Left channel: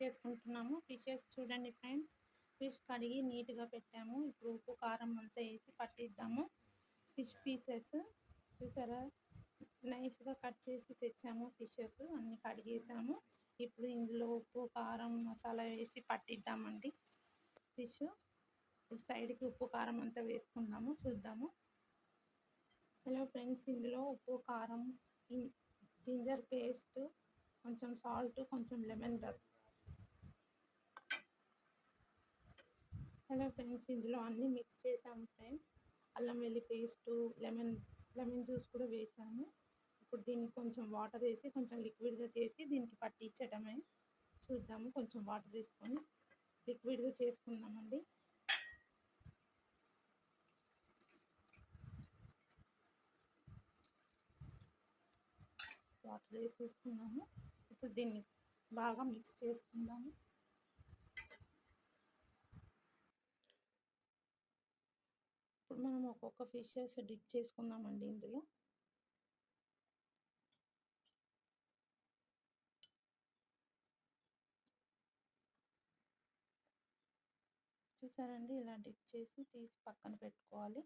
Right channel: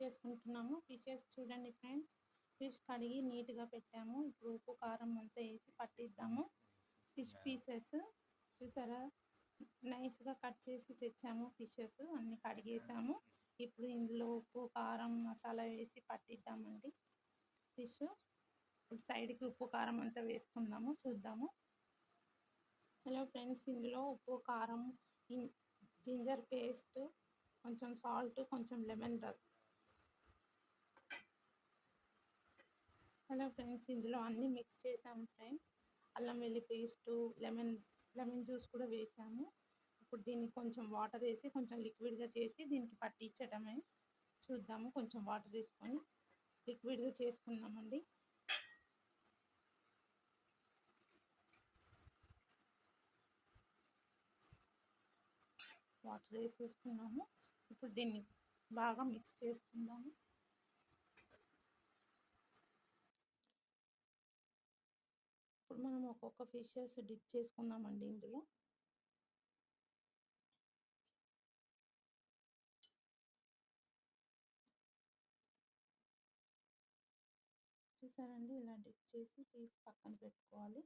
చేసుకుంటున్నాము. ఫిషెస్ చూడండి friends, fish కడిగి నీట్గా పెట్టాము. ఇప్పుడు ఉప్పు కారం అంతా వేసి పట్టిద్దాము. ఫిష్ పీసెస్ చూసారా, నైస్గా కట్ చేసి తెచ్చాము. ఫిషెస్ అన్నీ కడిగేసాము. ఇప్పుడు ఇందులో ఉప్పు కారం మసాలా వేసి పట్టిద్దామండి ఫిష్. ఇప్పుడు సైడ్కి ఉప్పు కారం అంతా వేసుకుందాము, చూద్దాము. హలో ఫ్రెండ్స్, ఇందులో ఉప్పు కారం, జింజర్ పేస్ట్, కొంచెం సాల్ట్, కొంచెం లెమన్ రస్. హలో ఫ్రెండ్స్, ఇందులో అన్నీ మిక్స్ చేసాము ఫ్రెండ్స్. అల్లం వెల్లి పేస్టు, లెమన్ జ్యూస్ కూడా వేసాము. ఇప్పుడు దీనికి కొంచెం వాటర్ వేసి కొంచెం లిక్విడ్గా చేసి దీనికి పట్టించడమే. చూద్దాము, కొంచెం వాటర్ వేసుకొని లిక్విడ్గా చేసుకుందామండి. వాటర్ వేసేసుకున్నాము. ఇప్పుడు దీన్ని బాగా మిక్స్ చేసుకుందాము. ఇప్పుడు మనం ఒక్కొక్క ఫిషెస్ డిప్ చేసుకుందామండి ఇందులో. చూసారండి, ఇలా డిప్ చేసి తీసి పక్కన పెట్టుకోవాలి.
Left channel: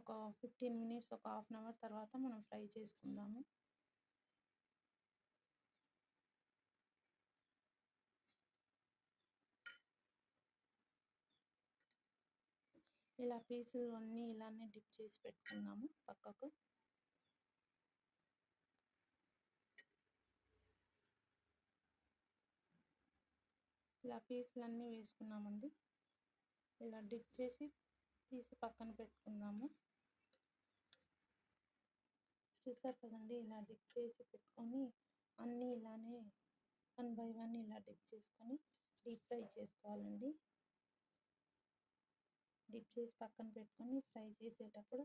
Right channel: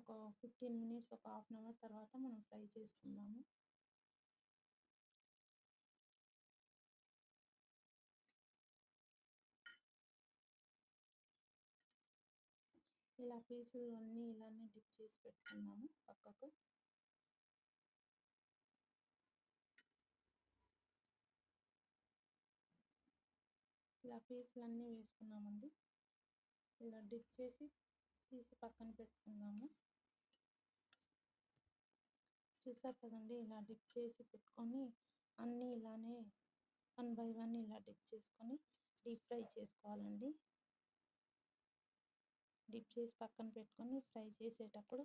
ఒక 15 మినిట్స్, ఒక హాఫ్ అన్ అవర్ తర్వాత మనం ఫ్రై చేసుకుందాము. ఇలా పీసులు అన్నీ ఇలానే డిప్ చేసి పెట్టుకుందాము పక్కకు. ఇలా పీసులు అన్నీ వేసుకున్నామండి. ఇలా డిప్ చేసి తీసి పక్కన పెట్టుకుందాము. చూసారు కదండి, ఇలా డిప్ చేసి పెట్టుకొని అన్నీ ఇలానే 1 బై 1 ఇలా డిప్ చేసుకొని డీప్ ఫ్రై చేసుకోవాలండి. డిప్ చేసి పక్కన పెట్టుకొని ఫ్రై చేసేటప్పుడు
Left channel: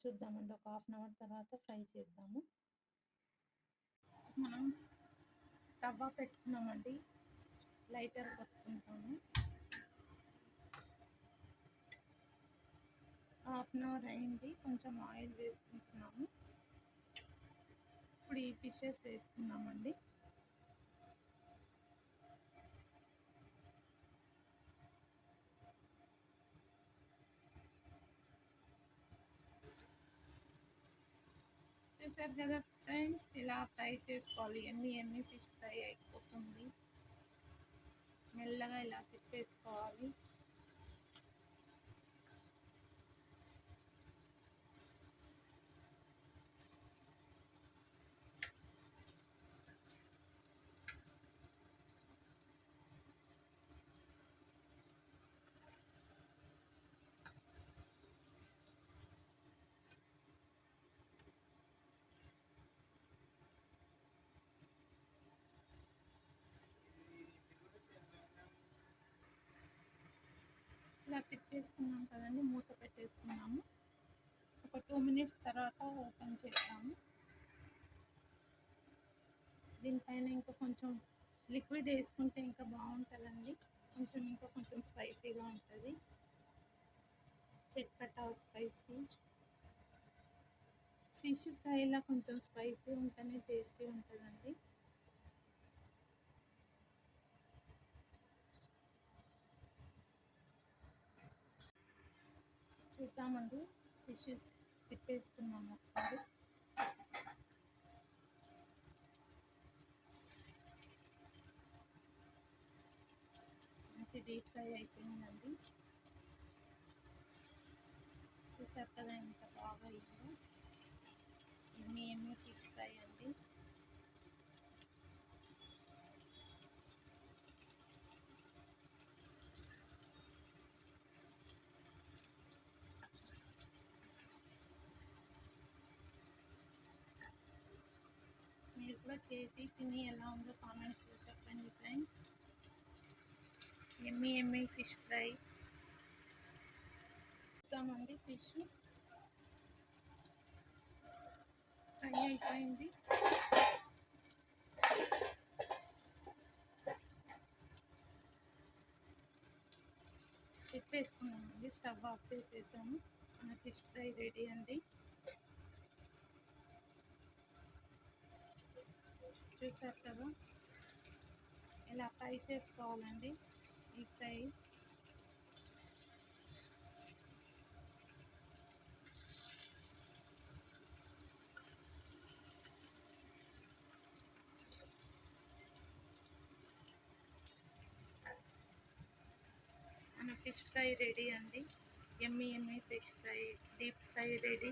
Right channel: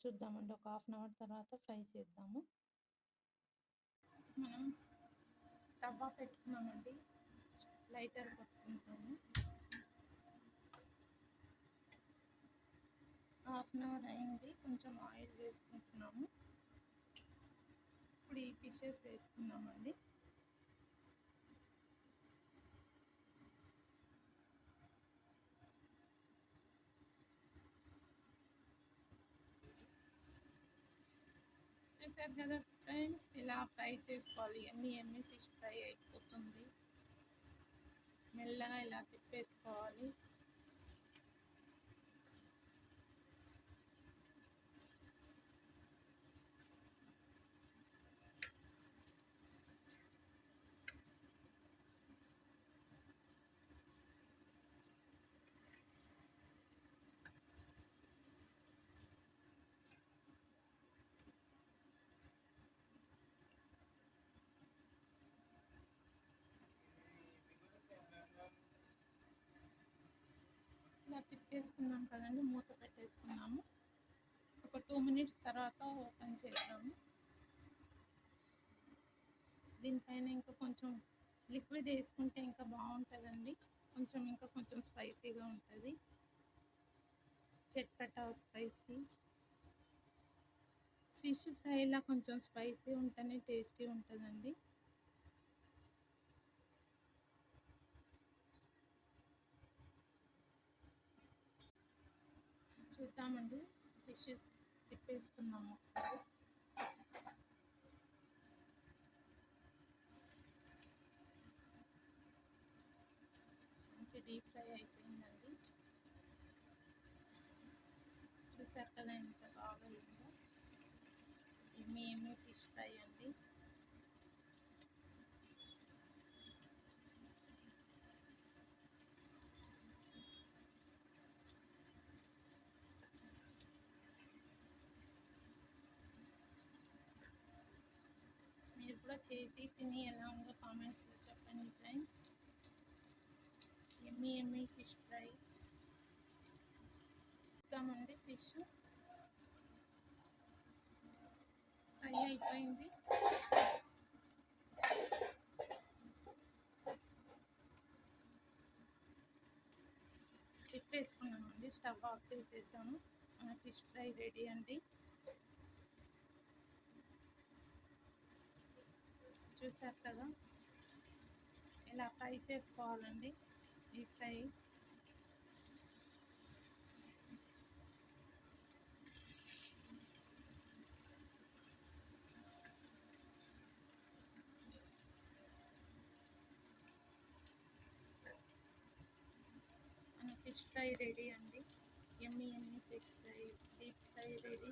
చూద్దామండి. ఒక హాఫ్ అన్ అవర్ తర్వాత ఫ్రై చేద్దాము. మనం తవ్వ పెట్టుకున్నామండి, లైటర్ పెట్టుకుంటాము. హాఫ్ అన్ అవర్ అయింది. కొంచెం ఆయిల్ వేసుకుంటున్నాము. ఇప్పుడు ఈ ఫిషెస్ వేసుకున్నామండి. చూసారు కదా ఫ్రెండ్స్, ఇలా ఫ్రై చేసుకోవాలి. ఎమ్మి ఫిష్ ఫ్రై అయిపోతుంది. మెల్లగా ఇలా తిప్పేసుకోవాలి. ఇలా తిప్పేసుకున్నాం కదండి, మూత పెట్టేసుకున్నాము. ఒక 2 మినిట్స్ తర్వాత ఓపెన్ చేద్దాము. దీనిపైన ఇంకా కొంచెం లిక్విడ్ వేసుకుంటే ఇంకా బాగుంటుందండి. ఇంకా కొంచెం స్పైసీగా ఉంటుంది. చట్పటా స్పైసీ ఫిష్ ఫ్రైలా కొంచెం స్పైసీ ఉంటేనే టేస్టీ ఉంటుందండి. చూద్దామండి, ఫిషెస్ తిప్పేసుకున్నాము ఒకసారి. మంచి డీప్ ఫ్రై అయిపోయిందండి. చూసారు కదా ఎంత బాగా అయిందో. ఎమ్మి ఫిష్ ఫ్రై అండి. మీరు కూడా చేసి తిని ఎలా ఉందో కామెంట్స్లో చెప్పండి ఫ్రెండ్స్. ఎమ్మి ఫిష్ ఫ్రై. చూద్దామండి, ఫిష్ ఫ్రై అయిపోయింది. తిప్పేసుకున్నామండి. స్టవ్ ఆఫ్ చేసేద్దాము. మన ఫిష్ ఫ్రై రెడీ అండి. చూసారు కదా ఇలా ఫ్రై చేసుకోవాలండి. Deep fry. మన ఫిష్ ఫ్రై రెడీ అండి. ఎమ్మి fish fry, deep fry ready.